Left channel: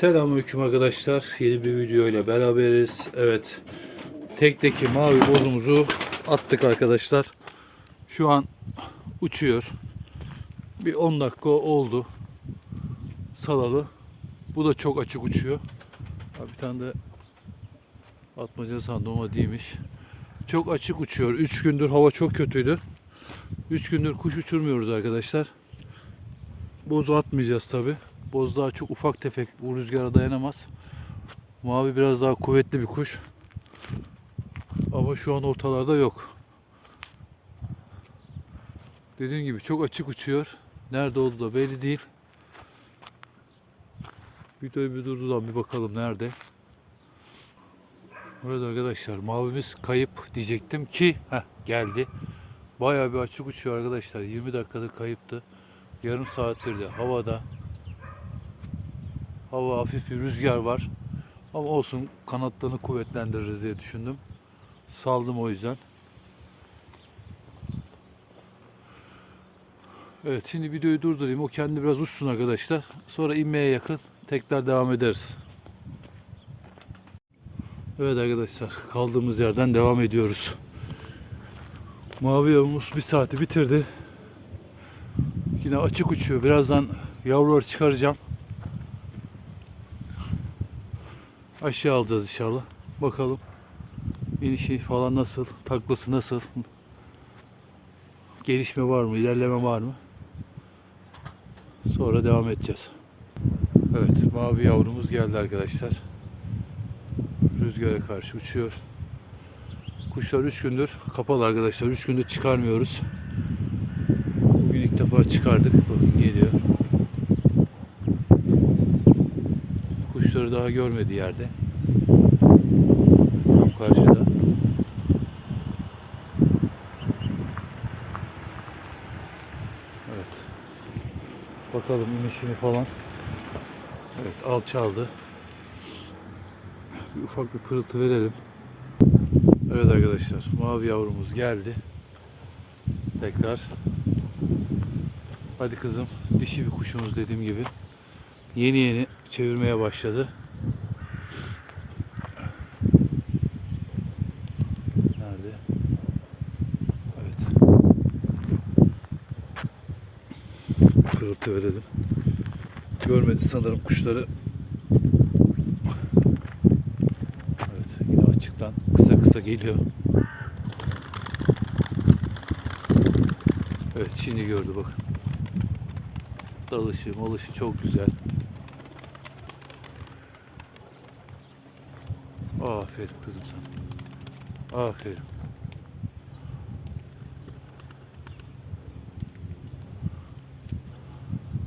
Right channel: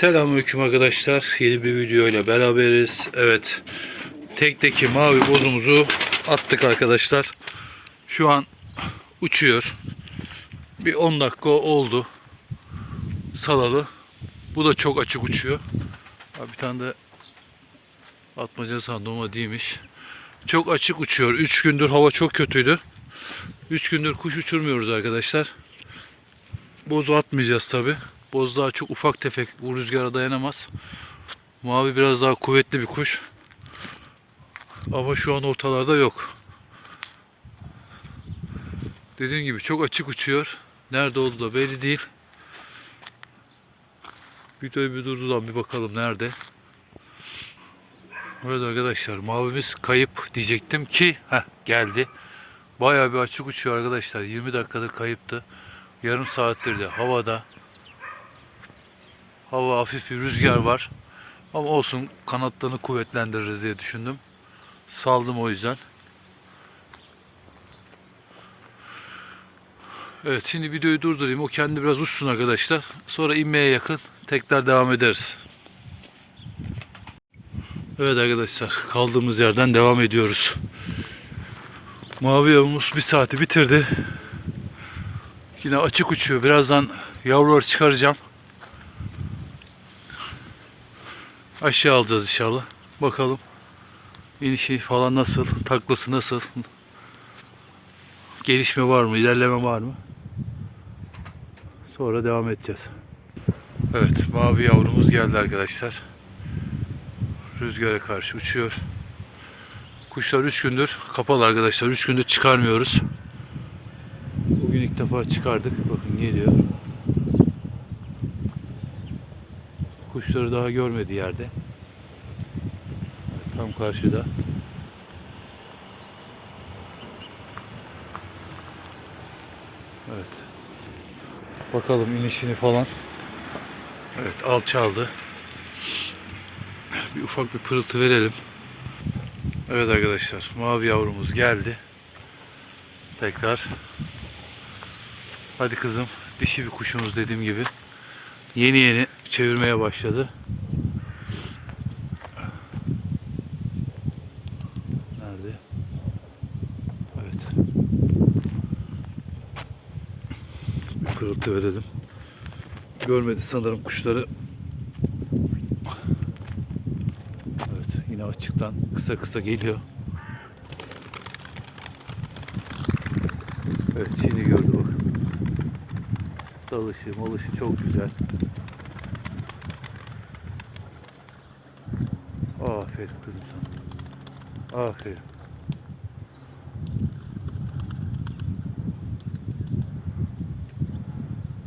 Selamünaleyküm arkadaşlar. Yeni bir video ile beraberiz. Evet. Tekteki mavi bozumuzu attık arkadaşlar. Şu an uçuyor. Bir 10 dakika oldu. Salalı. Bu da çok açık uçuyor. Bir tane de atmaca sandım ama değilmiş. Çok açık uçuyor. 3 gündür hava çok kötüydü. 3 gündür kuş uçurmuyoruz arkadaşlar. Bozu atmayacağız tabi. Boz daha çok ufak tefek bu rüzgara dayanamaz. Mavi biraz daha kuvvetli bir kuş. Ama şu an ortalarda yok. Dediğim gibi çok açık uçuyor. Nerede olduğu da belli değil. Videoyu bir durdudan bir bakalım nerede. Evet arkadaşlar mavimiz kayıp diyecektim ki heh, geldi. Bayağı bir açık uçuyor arkadaşlar. 20 dakikadır kayıptı. Yarım saattir de havada. Hava hafif bir rüzgar var. Ama olsun kanatlarını kuvvetlendiririz diye düşündüm. Saldım o yüzden. Evet şimdi videoyu durdurayım. O kendi biraz uçsun arkadaşlar. Sonra inmeye yakın tekrar devam ederiz. Evet arkadaşlar kaldığımız yerden devam ediyoruz. Mavi yavumuz bir saati bitirdi. Yine açık uçuyor. Birazdan yavruları çıkaracağım. Aşağı alacağız inşallah. Bakalım. İnişi falan nasıl? Taklası nasıl? Gelişme var mı? ilerleme var mı? Sonra devam edeceğiz. Evet, mavi yavrumuz geldi arkadaşlar. Rüzgara karşı uçuyor. Kuşlar 3 gündür kapalı arkadaşlar. 3 gündür çıkarmıyoruz. Bugün ilk defa çıkardık. Bakın geliyor. Kuşları daha görmedi yerde. Tam karşıda. Evet. Bakalım inişini falan. Evet alçaldı. Bir ufak bir pırıltı verelim. Evet arkadaşlar mavi yavrumuz geldi. Tekrar. Hadi kızım dişi bir kuşumuz dediğim gibi. Yeni yeni çevirmeye başladı. Nerede? Evet. Bir pırıltı verelim. Görmedi sanırım kuşları. Evet yine açıktan kısa kısa geliyor. Evet şimdi gördü bakın. Dalışı malışı çok güzel. Aferin kızım sana. Aferin.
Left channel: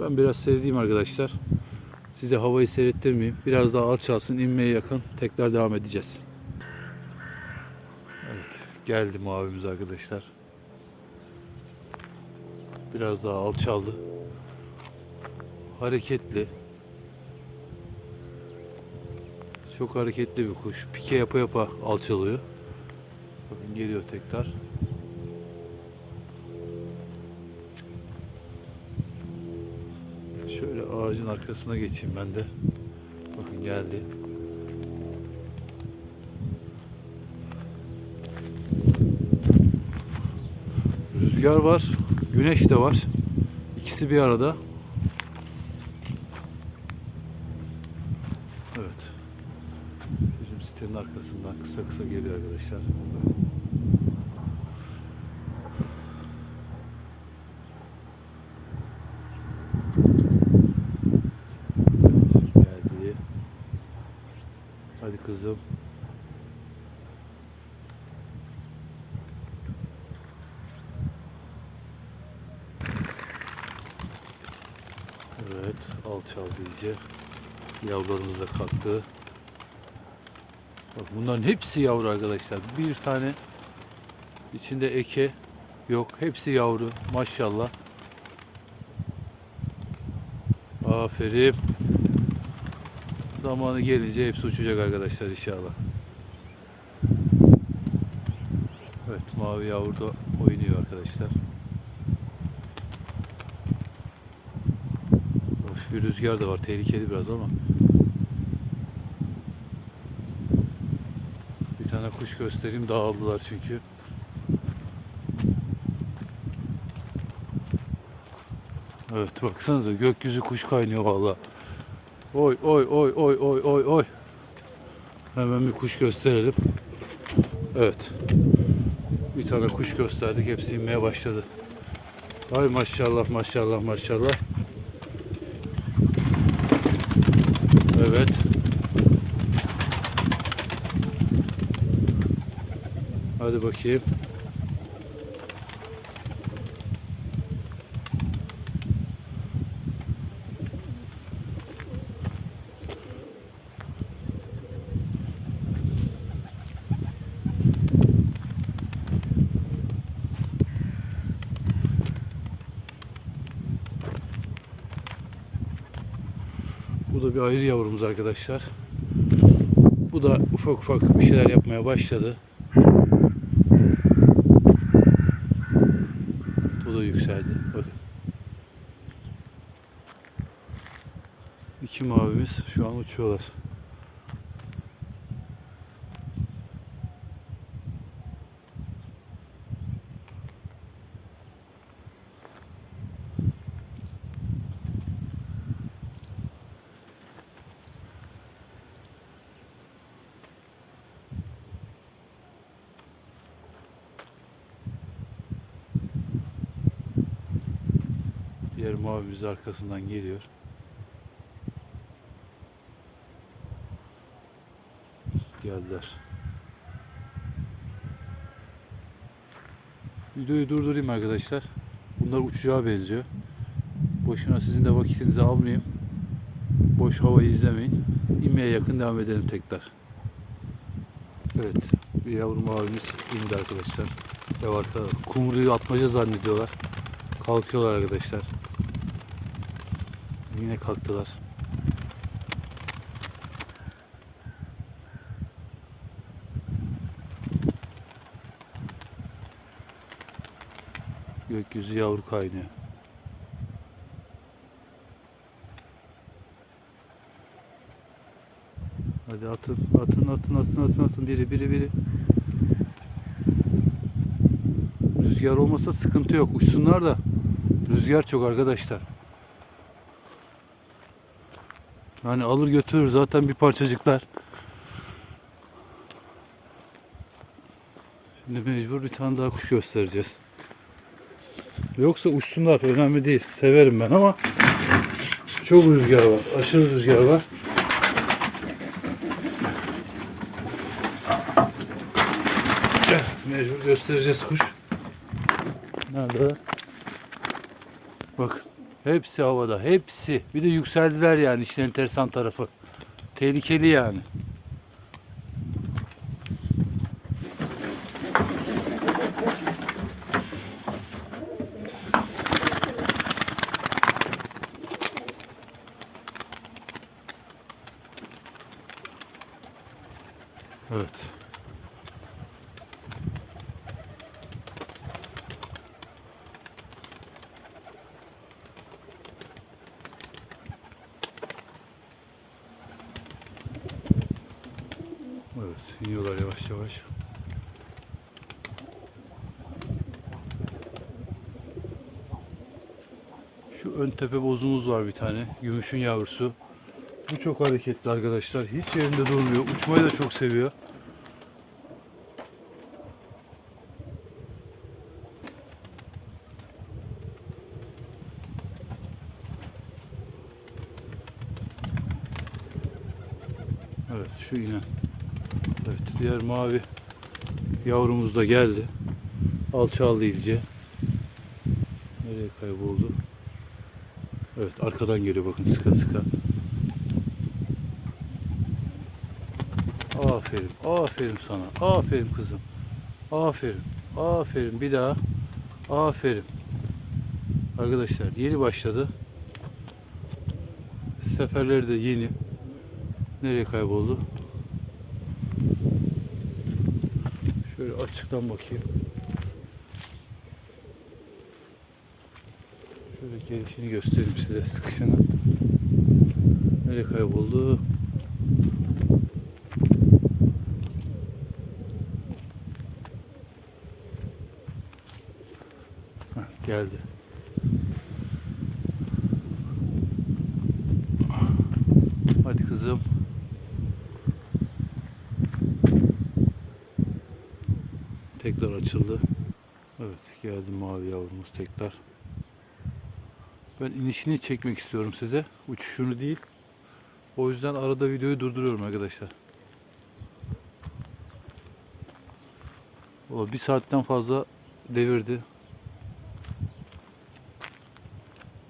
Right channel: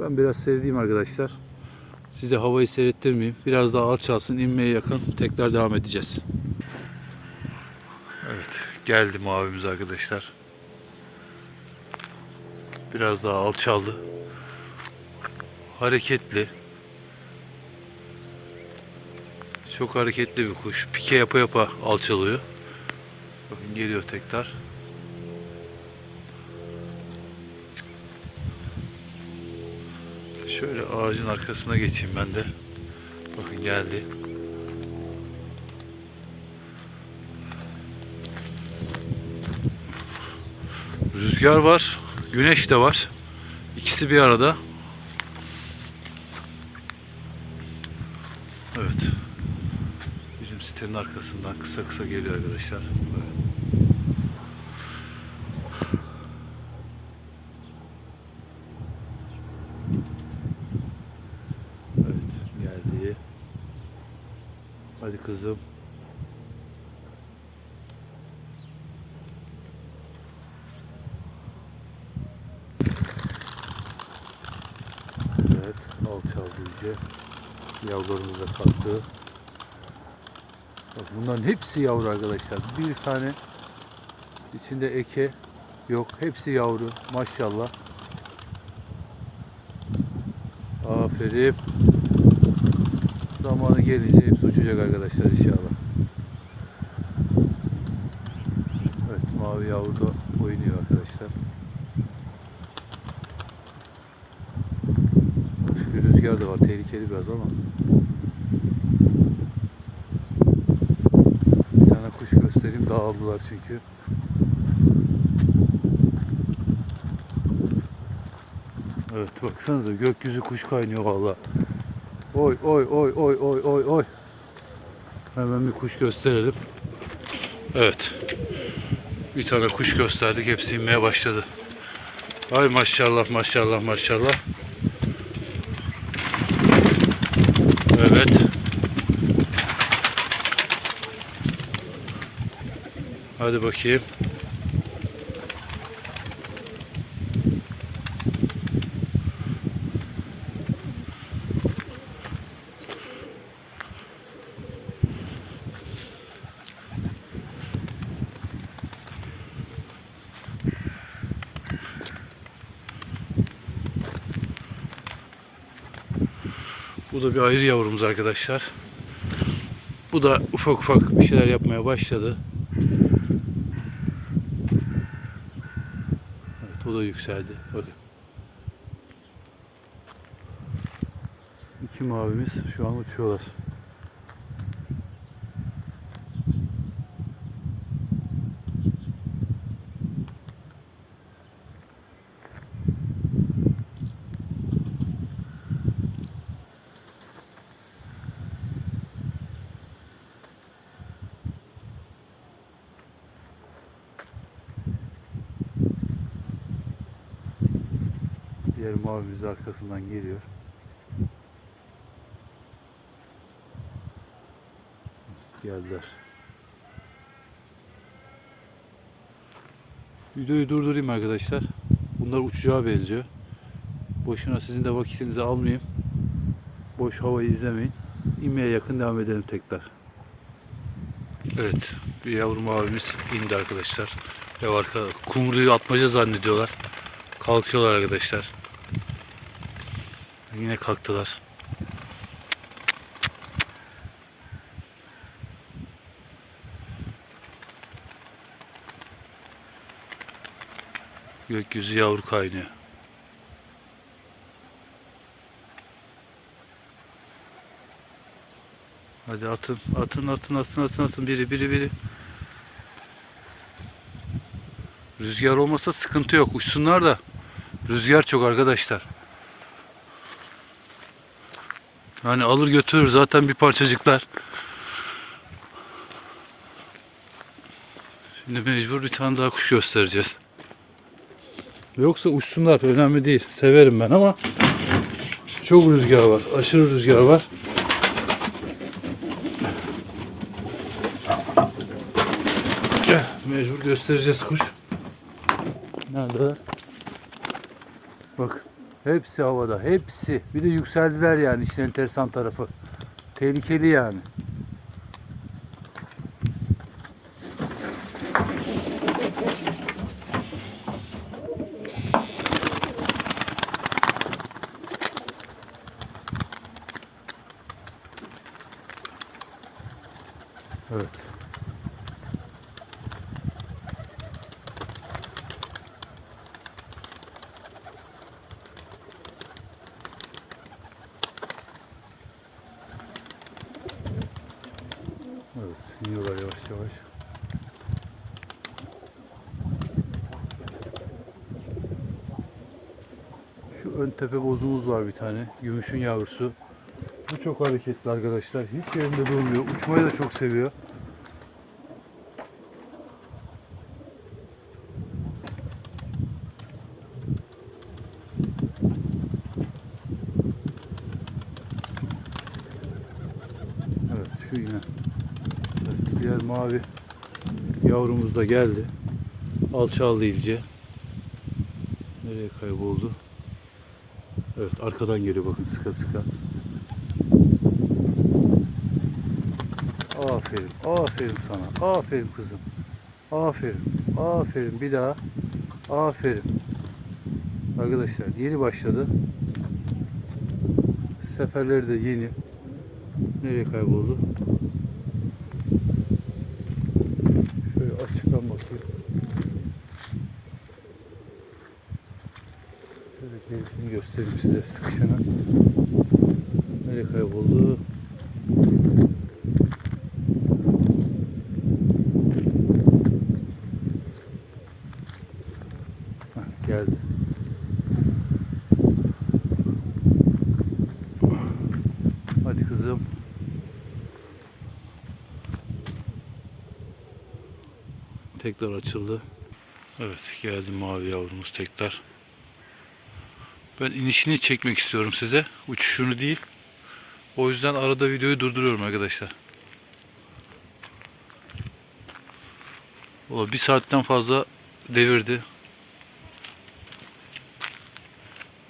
Ben biraz seyredeyim arkadaşlar. Size havayı seyrettirmeyeyim. Biraz daha alçalsın, inmeye yakın. Tekrar devam edeceğiz. Evet, geldi mavimiz arkadaşlar. Biraz daha alçaldı. Hareketli. Çok hareketli bir kuş. Pike yapa yapa alçalıyor. Bakın geliyor tekrar. Şöyle ağacın arkasına geçeyim ben de. Bakın geldi. Rüzgar var, güneş de var. İkisi bir arada. Evet. Bizim sitenin arkasından kısa kısa geliyor arkadaşlar. Evet geldi. Hadi kızım. Evet alçaldı iyice. Yavrularımız da kalktı. Bak bunların hepsi yavru arkadaşlar. Bir tane içinde eke yok. Hepsi yavru. Maşallah. Aferin. Zamanı gelince hepsi uçacak arkadaşlar inşallah. Evet mavi yavru da oynuyor arkadaşlar. Bir rüzgar da var. Tehlikeli biraz ama. kuş göstereyim. Dağıldılar çünkü. Evet baksanıza gökyüzü kuş kaynıyor valla. Oy oy oy oy oy oy oy. Hemen bir kuş gösterelim. Evet. Bir tane kuş gösterdik. Hepsi inmeye başladı. Ay maşallah maşallah maşallah. Evet. Hadi bakayım. Bu da bir ayrı yavrumuz arkadaşlar. Bu da ufak ufak bir şeyler yapmaya başladı. O da yükseldi. Bakın. İki mavimiz şu an uçuyorlar. Mavimiz arkasından geliyor. Geldiler. Videoyu durdurayım arkadaşlar. Bunlar uçacağı benziyor. Boşuna sizin de vakitinizi almayayım. Boş havayı izlemeyin. İnmeye yakın devam edelim tekrar. Evet. Bir yavrum abimiz indi arkadaşlar. Ve arka kumruyu atmaca zannediyorlar. Kalkıyorlar arkadaşlar. Yine kalktılar. Gökyüzü yavru kaynıyor. Hadi atın, atın, atın, atın, atın, atın. Biri, biri, biri. Rüzgar olmasa sıkıntı yok. Uçsunlar da. Rüzgar çok arkadaşlar. Yani alır götürür zaten bir parçacıklar. Şimdi mecbur bir tane daha kuş göstereceğiz. Yoksa uçsunlar önemli değil. Severim ben ama çok rüzgar var. Aşırı rüzgar var. Mecbur göstereceğiz kuş. Neredeler? Bak. Hepsi havada. Hepsi. Bir de yükseldiler yani işin enteresan tarafı. Tehlikeli yani. Evet. Evet, iniyorlar yavaş yavaş. Şu ön tepe bozumuz var bir tane. Gümüşün yavrusu. Bu çok hareketli arkadaşlar. Hiç yerinde durmuyor. Uçmayı da çok seviyor. Evet şu inen. Evet diğer mavi yavrumuz da geldi. Alçaldı iyice. Nereye kayboldu? Evet arkadan geliyor bakın sıka sıka. Aferin, aferin sana. Aferin kızım. Aferin, aferin. Bir daha. Aferin. Arkadaşlar yeni başladı. Seferleri de yeni. Nereye kayboldu? Şöyle açıktan bakayım. Şöyle gelişini göstereyim size sıkışını. Nereye kayboldu? Geldi. Hadi kızım. Tekrar açıldı. Evet geldi mavi yavrumuz tekrar. Ben inişini çekmek istiyorum size. Uçuşunu değil. O yüzden arada videoyu durduruyorum arkadaşlar. O bir saatten fazla devirdi.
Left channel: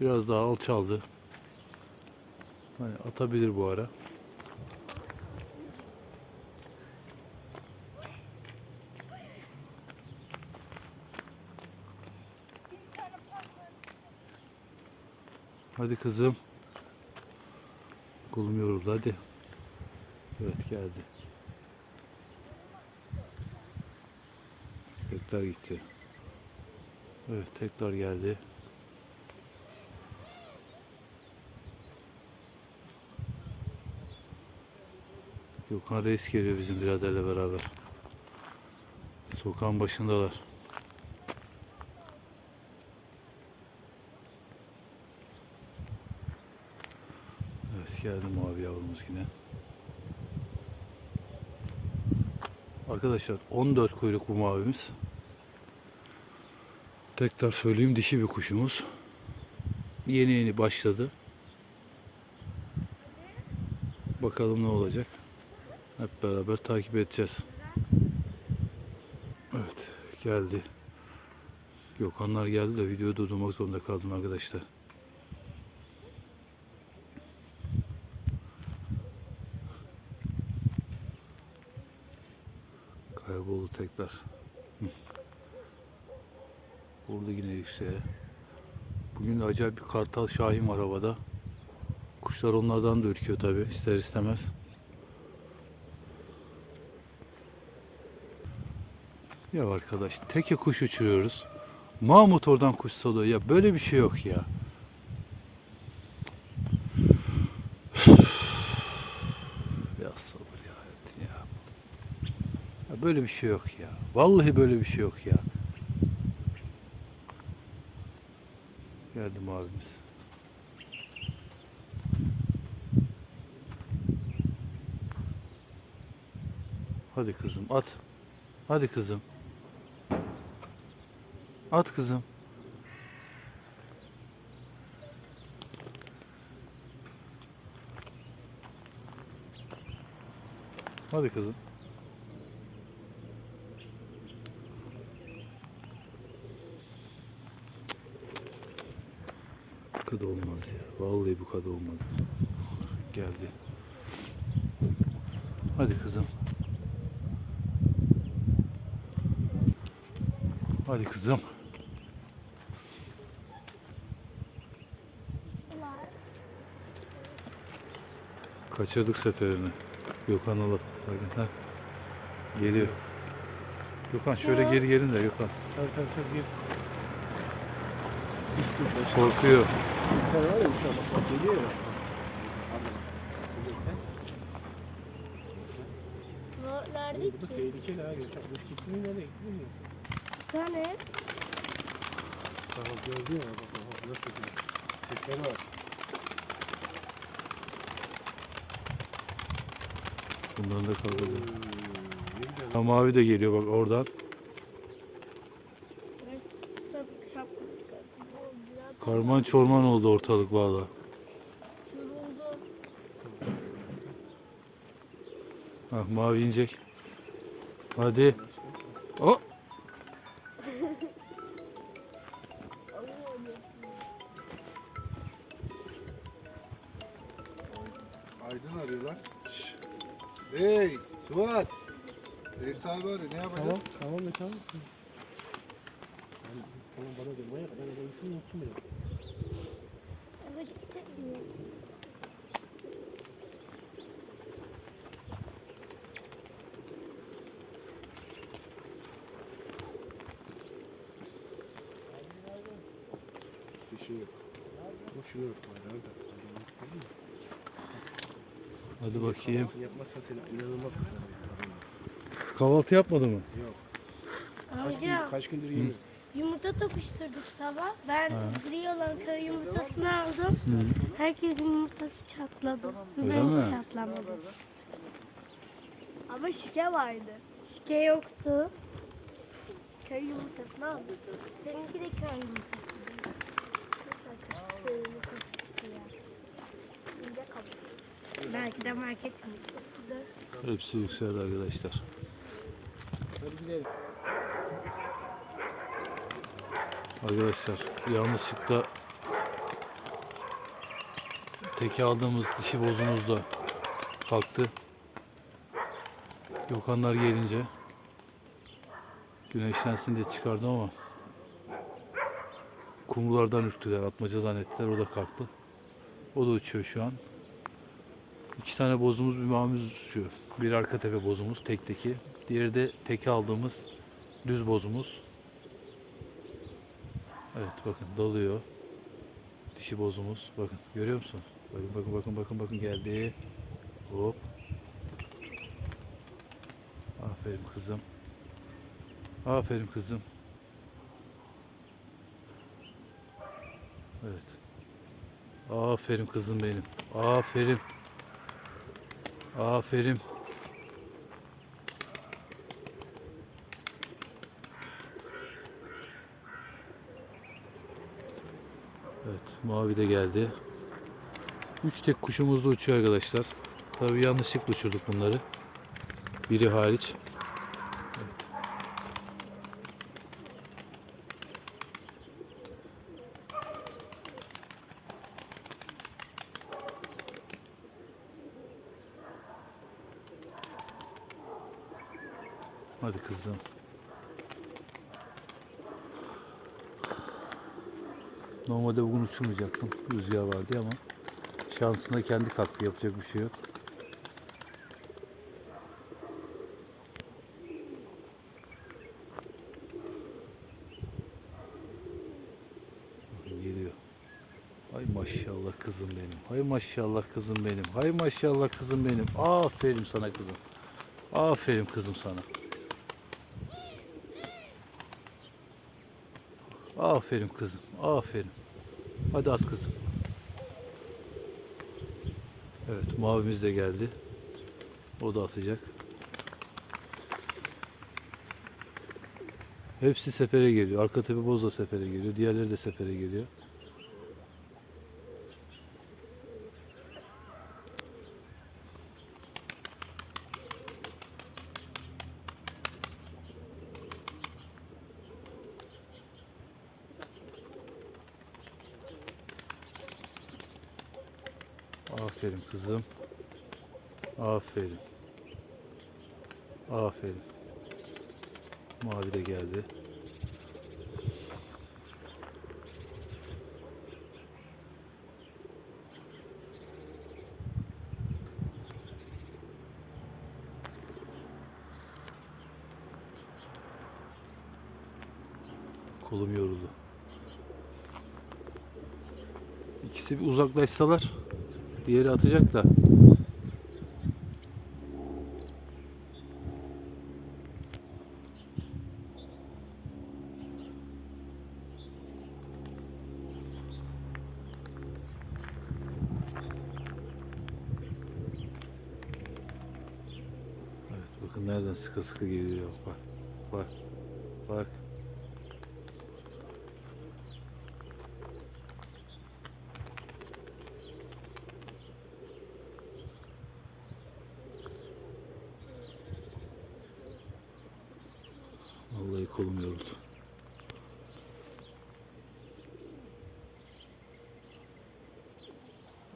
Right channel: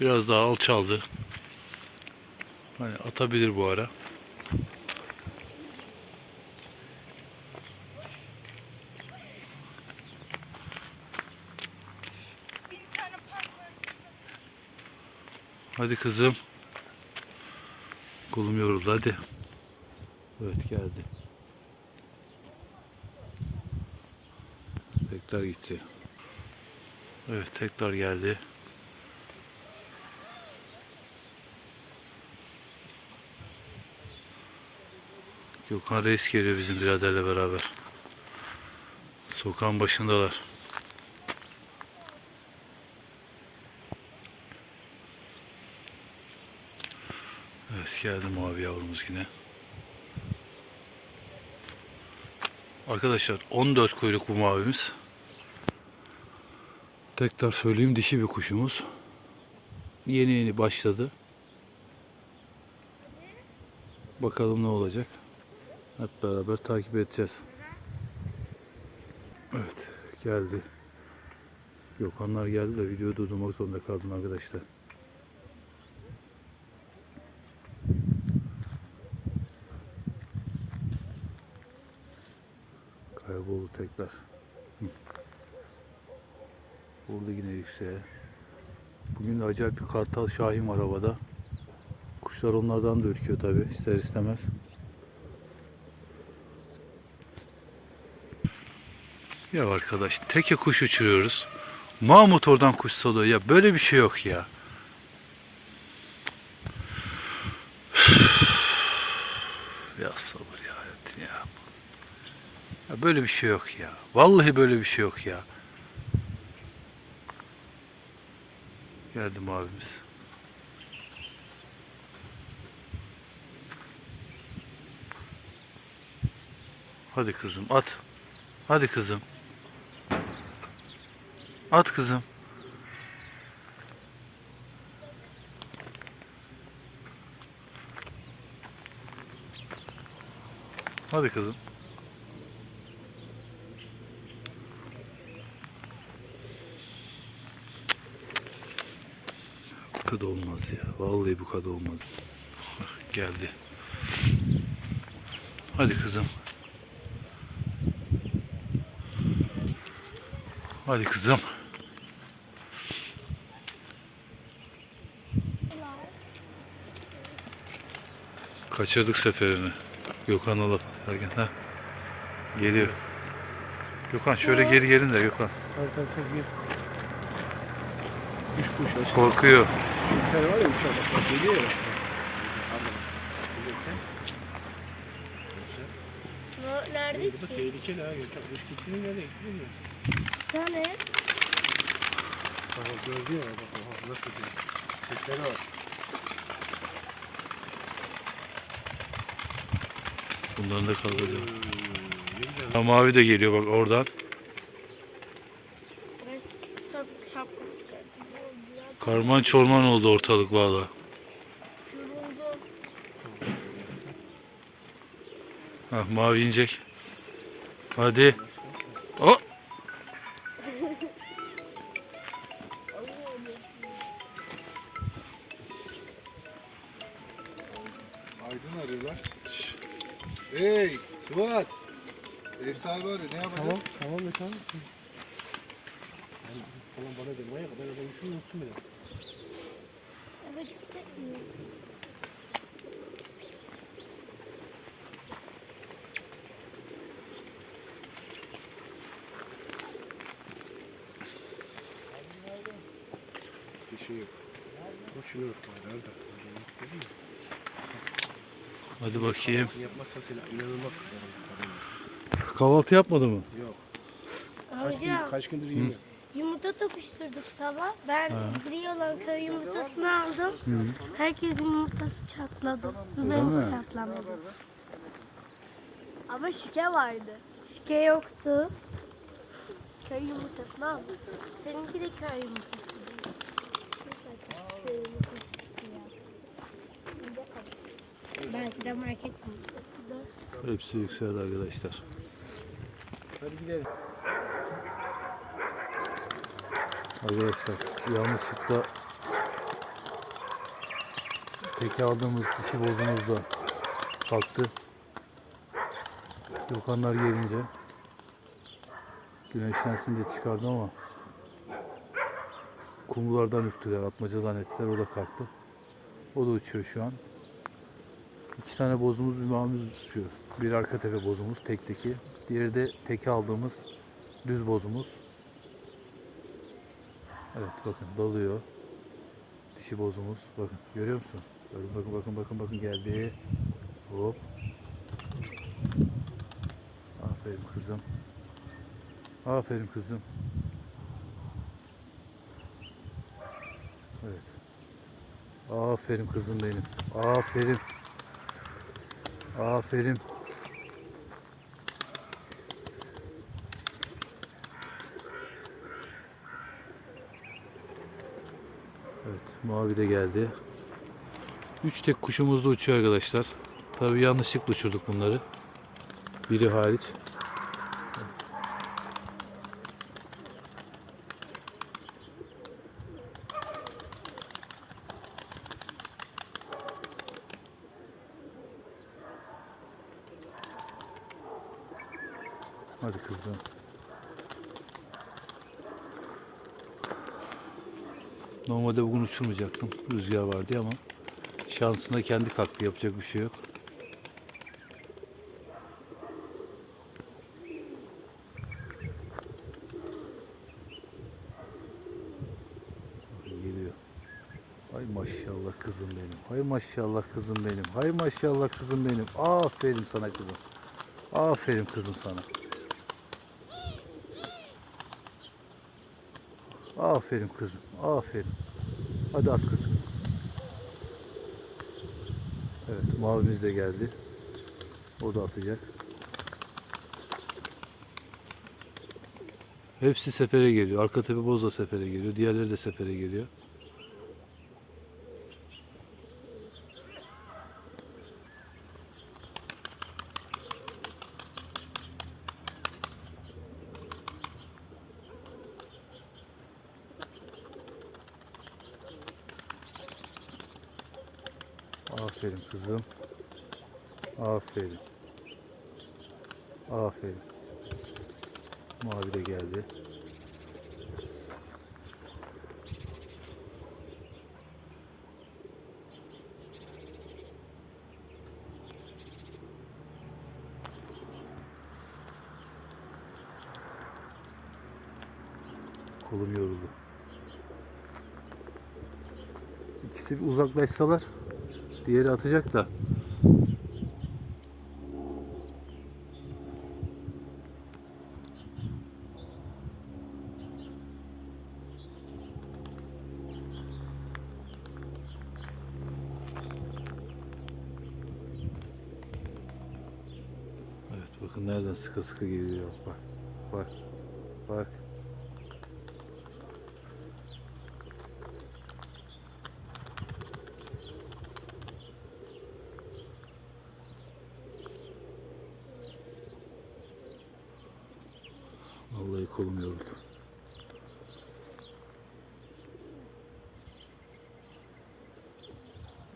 Biraz daha alçaldı. Hani atabilir bu ara. Hadi kızım. Kolum yoruldu hadi. Evet geldi. Tekrar gitti. Evet tekrar geldi. Gökhan Reis geliyor bizim biraderle beraber. Sokağın başındalar. Geldi mavi yavrumuz yine. Arkadaşlar 14 kuyruk bu mavimiz. Tekrar söyleyeyim dişi bir kuşumuz. Yeni yeni başladı. Bakalım ne olacak. Hep beraber takip edeceğiz. Evet geldi. Gökhanlar geldi de videoyu durdurmak zorunda kaldım arkadaşlar. Kayboldu tekrar. Burada yine yükseğe. Bugün de acayip bir kartal şahin var havada. Kuşlar onlardan da ürküyor tabi ister istemez. Ya arkadaş teke kuş uçuruyoruz. Mahmut oradan kuş salıyor. Ya böyle bir şey yok ya sabır ya hayatım ya. Ya böyle bir şey yok ya. Vallahi böyle bir şey yok ya. Geldim abimiz. Hadi kızım at. Hadi kızım. At kızım. Hadi kızım. Kadar olmaz ya. Vallahi bu kadar olmaz. Geldi. Hadi kızım. Hadi kızım. Kaçırdık seferini. Gökhan alıp derken ha. Geliyor. Gökhan şöyle geri gelin de Gökhan. Korkuyor. Bir tane var ya uçak. Bak geliyor ya. Nerede ki? tehlikeli ha. Uçak kuş gittiğini nereye gitti bilmiyorum. Bir tane. Bak gördün ya. Bak nasıl diyor. Sesleri var. Bunların da kalacak. Ha, mavi de geliyor bak oradan. Karman çorman oldu ortalık valla. Ha, mavi inecek. Hadi. O. şey yok. Şunu yok. Nerede? Hadi bakayım. Yapmazsan seni inanılmaz kızarım. Kahvaltı yapmadı mı? Kaç, gün, Amca kaç gündür yemiyorum. yumurta tokuşturduk sabah. Ben gri olan köy yumurtasını aldım. Herkesin yumurtası çatladı. Mi? çatlamadı. Ama şike vardı. Şike yoktu. Köy yumurtasını aldım. Seninki de köy yumurtası. Köy yumurtası ya. İnce kabuk. Belki de market yumurtasıdır. Hepsi yükseldi arkadaşlar. Arkadaşlar yanlışlıkla teke aldığımız dişi bozumuz da kalktı. Yokanlar gelince güneşlensin diye çıkardım ama kumrulardan ürktüler. Atmaca zannettiler. O da kalktı. O da uçuyor şu an. İki tane bozumuz bir mavimiz uçuyor. Bir arka tepe bozumuz tekteki. Diğeri de teke aldığımız düz bozumuz. Evet bakın dalıyor. Dişi bozumuz. Bakın görüyor musun? Bakın bakın bakın bakın bakın geldi. Hop. Aferin kızım. Aferin kızım. Evet. Aferin kızım benim. Aferin. Aferin. Evet, mavi de geldi. Üç tek kuşumuz da uçuyor arkadaşlar. Tabii yanlışlıkla uçurduk bunları. Biri hariç. Hadi kızım. Normalde bugün uçurmayacaktım. Rüzgar vardı ama şansına kendi kalktı. Yapacak bir şey yok. Geliyor. Hay maşallah kızım benim. Hay maşallah kızım benim. Hay maşallah kızım benim. Aferin sana kızım. Aferin kızım sana. Aferin kızım. Aferin. Hadi at kızım. Evet mavimiz de geldi. O da atacak. Hepsi sefere geliyor. Arka tepe boz da sefere geliyor. Diğerleri de sefere geliyor. Aferin kızım. Aferin. Aferin. Mavi de geldi. Kolum yoruldu. İkisi bir uzaklaşsalar diğeri atacak da. Evet bakın nereden sıkı sıkı geliyor. Bak. Bak. Vallahi kolum yoruldu.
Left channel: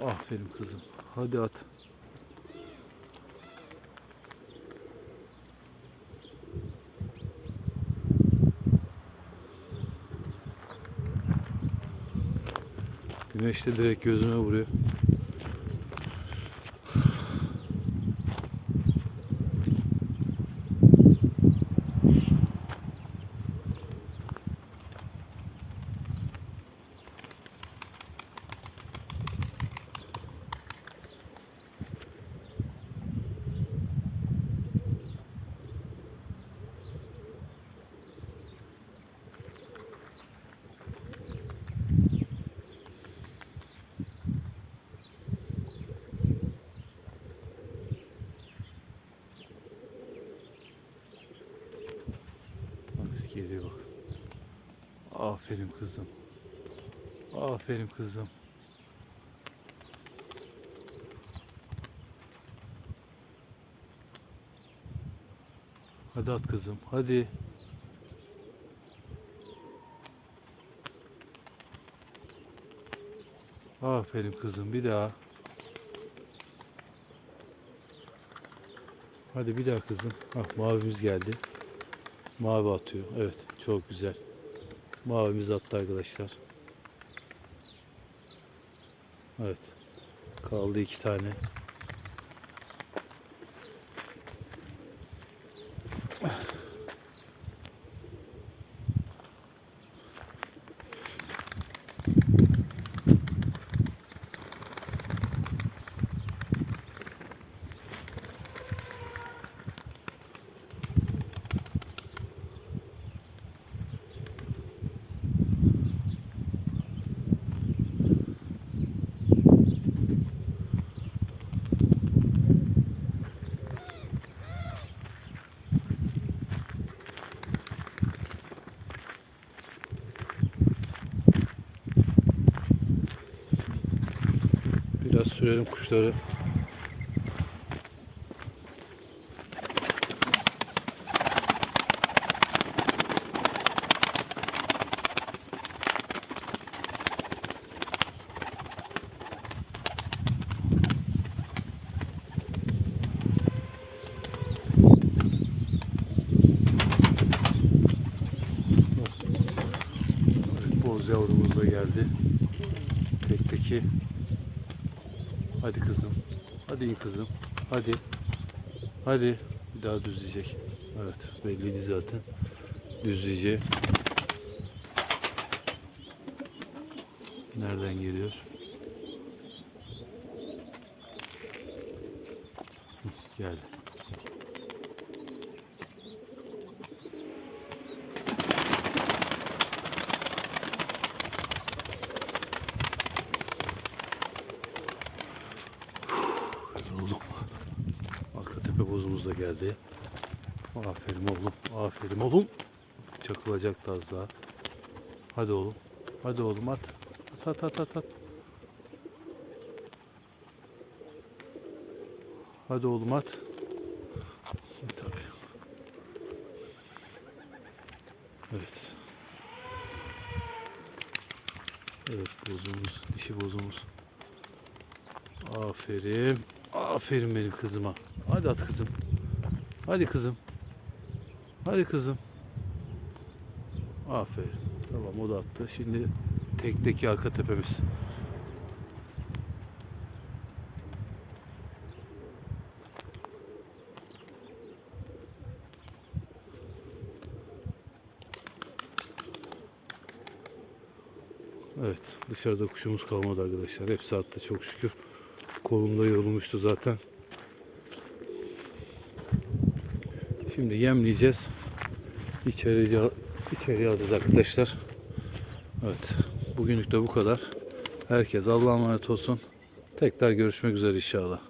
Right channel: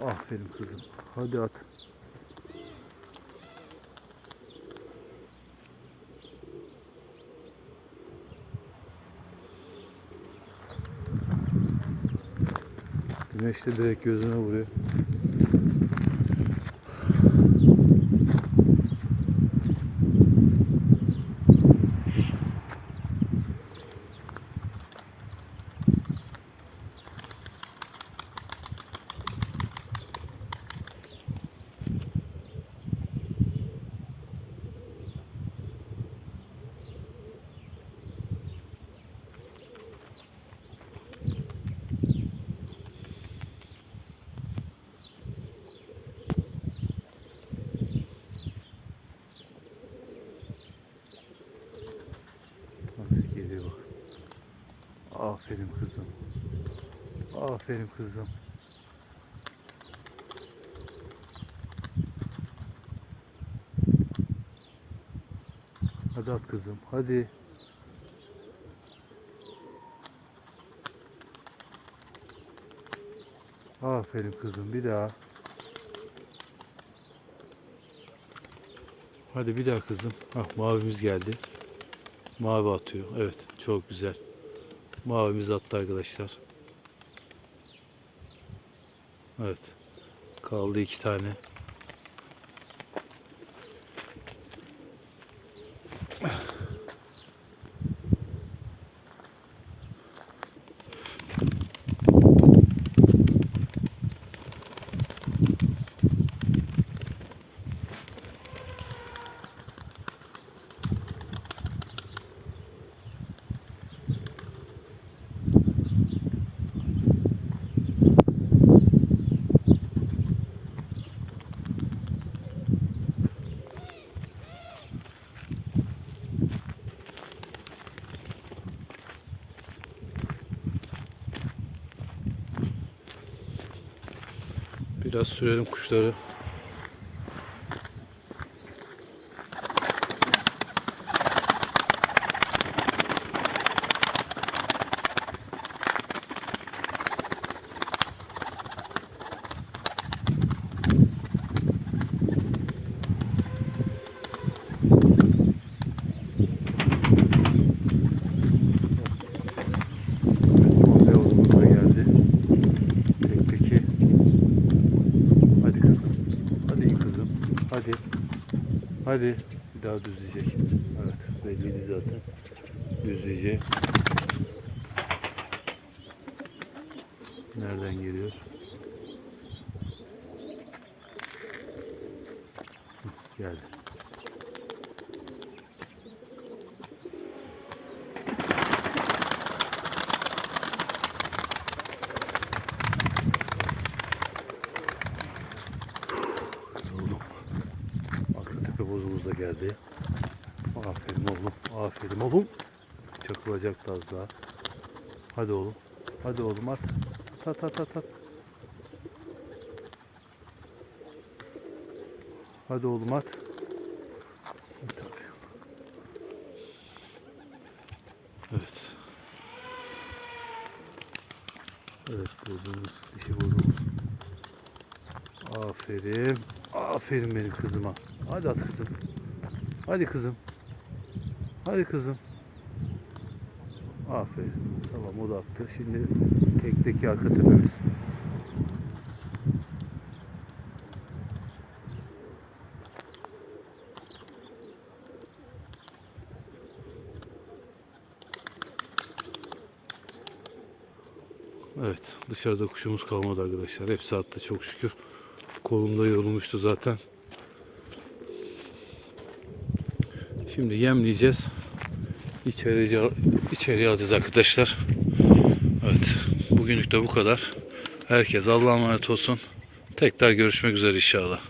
Aferin kızım. Hadi at. Güneş de direkt gözüme vuruyor. Aferin kızım. Aferin kızım. Hadi at kızım. Hadi. Aferin kızım. Bir daha. Hadi bir daha kızım. Ah mavimiz geldi. Mavi atıyor. Evet çok güzel. Mavimiz attı arkadaşlar. Evet. Kaldı iki tane. Biraz sürelim kuşları. Boz yavrumuz da geldi. Tekteki. Hadi kızım. Hadi iyi kızım. Hadi. Hadi. Bir daha düzleyecek. Evet. Belliydi zaten. Düzleyecek. Nereden geliyor? Geldi. Oğlum. Arka bozumuz da geldi. Aferin oğlum. Aferin oğlum. Çakılacaktı az daha. Hadi oğlum. Hadi oğlum at. At at at at. at. Hadi oğlum at. Evet. Evet bozumuz, dişi bozumuz. Aferin. Aferin benim kızıma. Hadi at kızım. Hadi kızım. Hadi kızım. Aferin. Tamam o da attı. Şimdi tekteki arka tepemiz. Evet dışarıda kuşumuz kalmadı arkadaşlar. Hepsi attı çok şükür. Kolumda yorulmuştu zaten. Şimdi yemleyeceğiz. İçeriye, içeriye alacağız arkadaşlar. Evet. Bugünlük de bu kadar. Herkes Allah'a emanet olsun. Tekrar görüşmek üzere inşallah.